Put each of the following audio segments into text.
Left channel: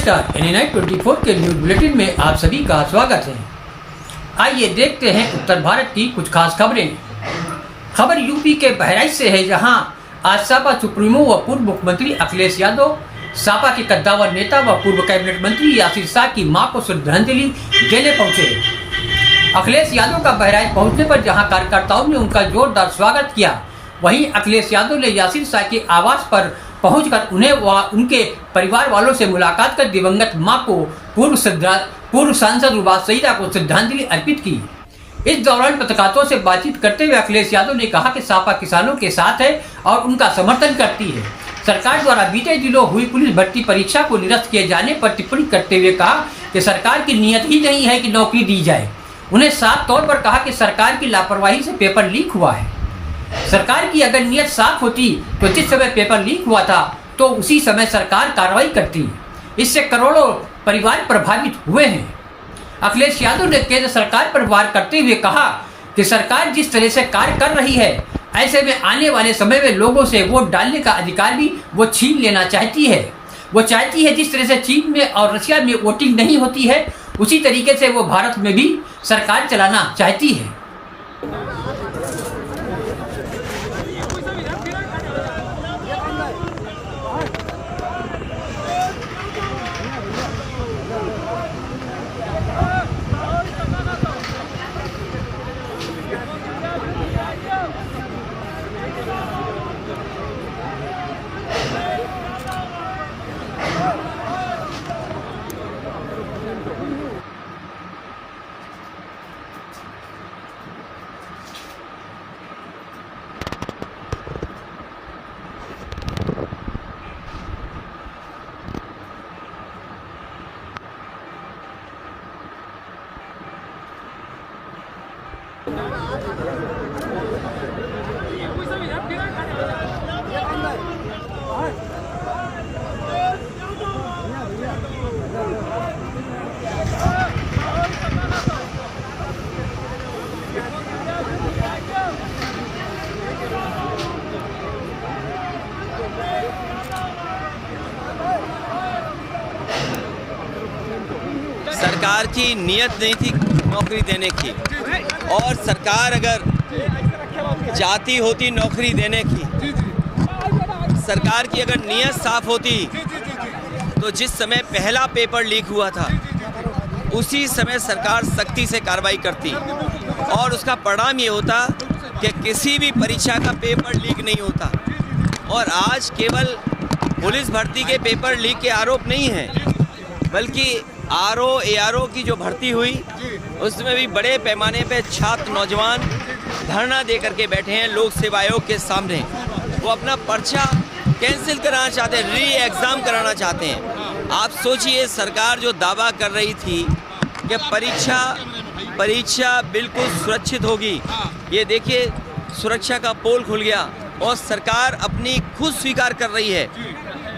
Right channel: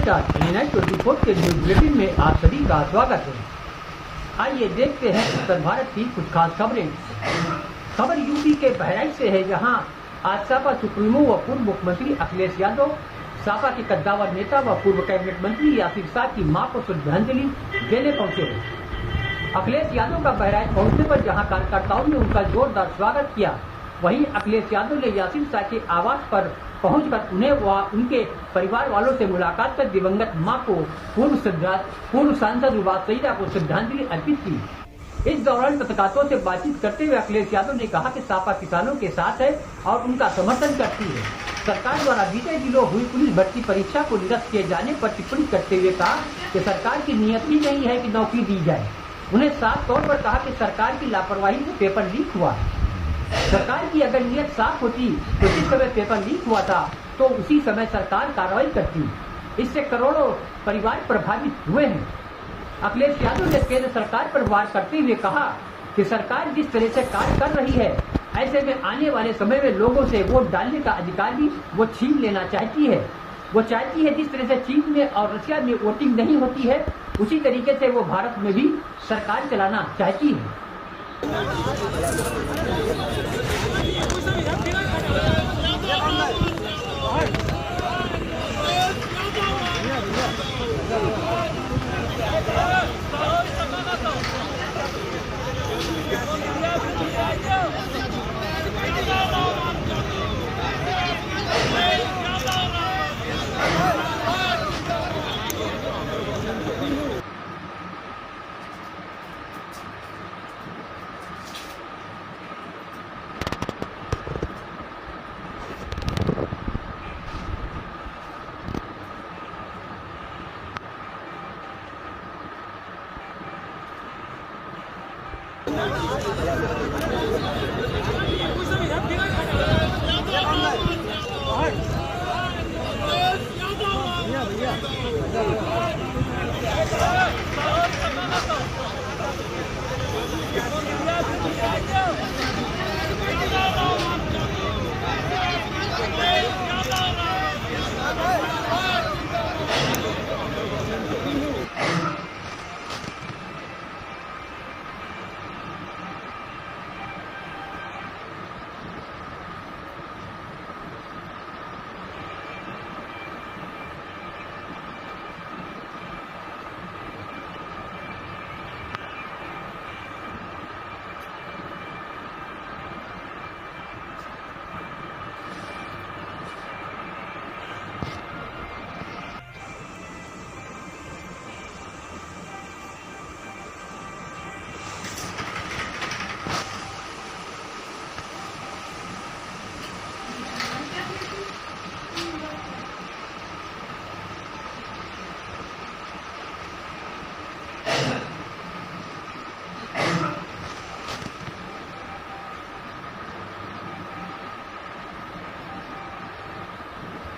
नमस्कार, NNI 24 के news bulletin में आप सभी का स्वागत है। आइए देखते हैं उत्तर भारत की कुछ खास खबरें। खबर यूपी के बहराइच से है, जहां आज सपा सुप्रीमो व पूर्व मुख्यमंत्री अखिलेश यादव, सपा के कद्दावर नेता व पूर्व कैबिनेट मंत्री यासिर शाह की मां को श्रद्धांजलि देने पहुंचे। अखिलेश यादव का बहराइच पहुंचने पर जहां कार्यकर्ताओं ने उनका जोरदार स्वागत किया, वहीं अखिलेश यादव ने यासिर शाह के आवास पर पहुंचकर उन्हें व उनके परिवार वालों से मुलाकात कर दिवंगत मां को पूर्व सांसद रुबाब सईदा को श्रद्धांजलि अर्पित की। इस दौरान पत्रकारों से बातचीत करते हुए अखिलेश यादव ने कहा कि सपा किसानों के साथ है और उनका समर्थन करती है। सरकार द्वारा बीते दिनों हुई पुलिस भर्ती परीक्षा को निरस्त किए जाने पर टिप्पणी करते हुए कहा कि सरकार की नीयत ही नहीं है कि नौकरी दी जाए। उन्हें साफ तौर पर कहा कि सरकार की लापरवाही से पेपर लीक हुआ है। सरकार की अगर नीयत साफ होती तो जिस समय पेपर लीक हुआ था तो उसी समय सरकार कार्रवाई करती। इससे करोड़ों परिवार प्रभावित हुए हैं। अखिलेश यादव ने केंद्र सरकार पर वार करते हुए कहा कि सरकार जिस तरह से कार्य कर रही है, ऐसे में आने वाले समय में लोगों से वोट डालने का अधिकार भी वो छीन लेना चाहती है। वो चाहती है जिस तरह से चीन में और रशिया में वोटिंग नहीं होती है, उसी तरीके से वो भारत में भी सरकार चलाना चाहती है। सरकार की नीयत नहीं थी नौकरी देने की, और सरकार अगर चाहती होती नौकरी देने की, सरकार की अगर नीयत साफ होती तो जिस समय पहला पेपर लीक हुआ था उसी समय सरकार सख्ती से कार्रवाई करती और उसका परिणाम ये होता कि किसी भी परीक्षा का पेपर लीक नहीं होता। और आज केवल पुलिस भर्ती के पेपर लीक के आरोप नहीं हैं, बल्कि ARO की जो भर्ती हुई उसमें भी बड़े पैमाने पे छात्र नौजवान धरना दे करके बैठे हैं लोक सेवा आयोग के सामने। वो अपना पर्चा कैंसिल कराना चाहते हैं, री एग्ज़ाम कराना चाहते हैं। आप सोचिए, सरकार जो दावा कर रही थी कि परीक्षा बिल्कुल सुरक्षित होगी, ये देखिए सुरक्षा का पोल खुल गया और सरकार अपनी खुद स्वीकार कर रही है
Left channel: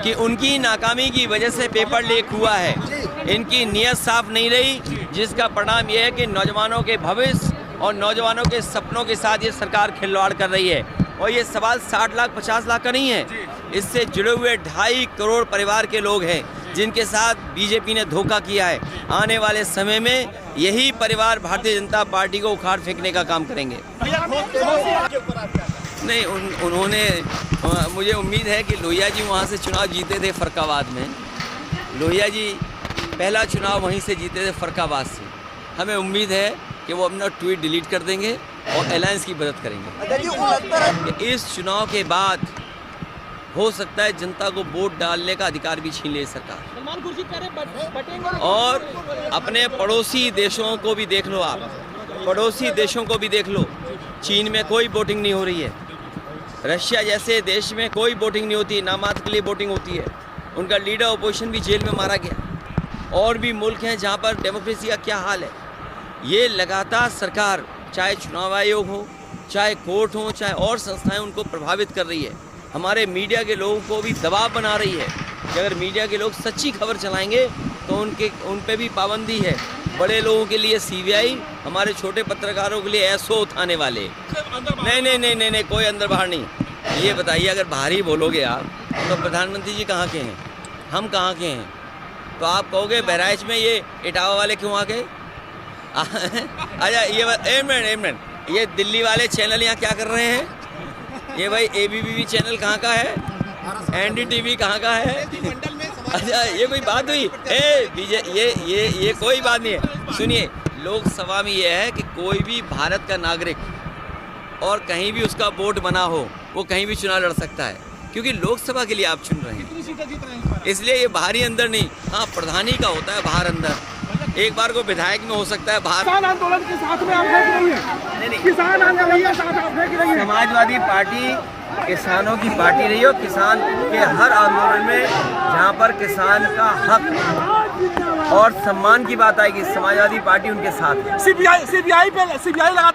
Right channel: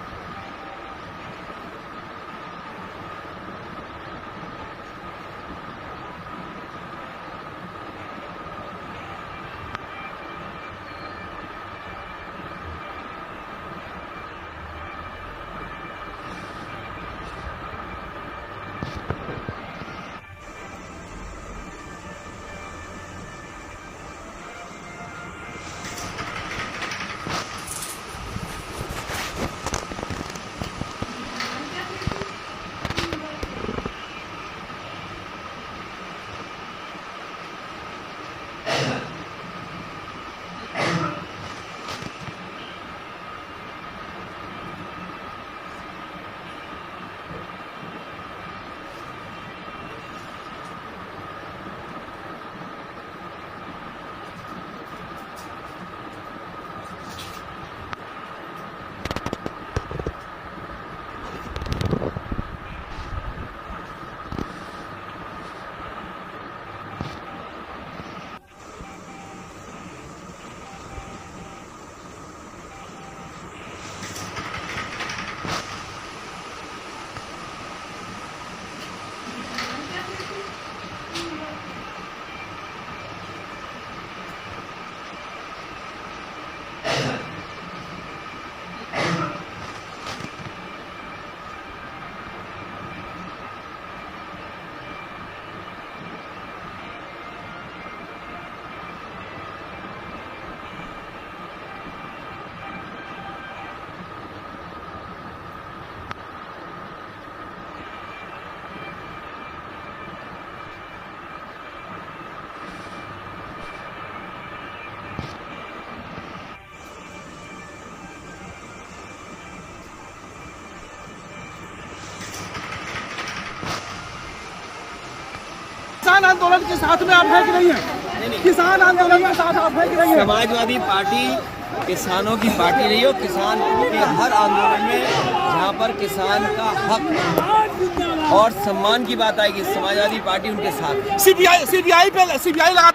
कि उनकी नाकामी की वजह से पेपर लीक हुआ है। इनकी नीयत साफ नहीं रही, जिसका परिणाम यह है कि नौजवानों के भविष्य और नौजवानों के सपनों के साथ ये सरकार खिलवाड़ कर रही है। और ये सवाल 60 लाख 50 लाख का नहीं है, इससे जुड़े हुए 2.5 करोड़ परिवार के लोग हैं जिनके साथ बीजेपी ने धोखा किया है। आने वाले समय में यही परिवार भारतीय जनता पार्टी को उखाड़ फेंकने का काम करेंगे। नहीं, उन्होंने मुझे उम्मीद है कि लोहिया जी वहाँ से चुनाव जीते थे फरक्काबाद में। लोहिया जी पहला चुनाव वहीं से जीते थे फरक्काबाद से। हमें उम्मीद है कि वो अपना ट्वीट डिलीट कर देंगे और अलायंस की मदद करेंगे। इस चुनाव के बाद हो सकता है जनता को वोट डालने का अधिकार भी छीन ले सरकार। और अपने पड़ोसी देशों को भी देख लो, आप पड़ोसी देशों को भी देख लो। चीन में कोई वोटिंग नहीं हो रही है, रशिया जैसे देश में कोई वोटिंग नहीं होती, नामात्र के लिए वोटिंग होती है। उनका लीडर अपोजिशन भी जेल में मारा गया। और भी मुल्क हैं जहाँ पर डेमोक्रेसी का क्या हाल है। ये लगातार सरकार, चाहे चुनाव आयोग हो, चाहे कोर्ट हो, चाहे और संस्थाएं, उनको प्रभावित कर रही है। हमारे मीडिया के लोगों को भी दबाव बना रही है कि अगर मीडिया के लोग सच्ची खबर चलाएंगे तो उन पे भी पाबंदी है। बड़े लोगों के लिए CBI, हमारे छोटे पत्रकारों के लिए SO उठाने वाले। नहीं, कोई अंदर बाहर नहीं। ये बताइए, अगर बाहर ही बोलोगे आप तो प्रधानमंत्री जी कहाँ के हैं, हम कहाँ के हैं? तो आप कहोगे बहराइच में ये इटावा वाले क्यों आ गए? अच्छा ये एक मिनट, ये दिल्ली वाले चैनल यहाँ क्या कर रहे हैं? ये भाई ABP चैनल कहाँ का है? NDTV कहाँ का है? अच्छा ये कोई बात हुई? ये कोई बात नहीं है। सुनिए, लोकसभा में ये है कि कोई भी भारत का नागरिक और कहीं भी उसका वोट बना हो वो कहीं भी चुनाव लड़ सकता है, क्योंकि लोकसभा के लिए आप चुन रहे हैं। इसलिए ये बाहरी अंदर नहीं, हाँ प्रधानी का होता है बाहर अंदर। एक बार को विधायक में हो सकता है बाहर। किसान आंदोलन के साथ में आप देख रही हैं, किसान आंदोलन के साथ आप देख रही हैं। समाजवादी पार्टी किसानों की पार्टी रही हो, किसान के हर आंदोलन में जहाँ पर किसान का हक और सम्मान की बात आएगी समाजवादी पार्टी उनके साथ। सीबीआई लगा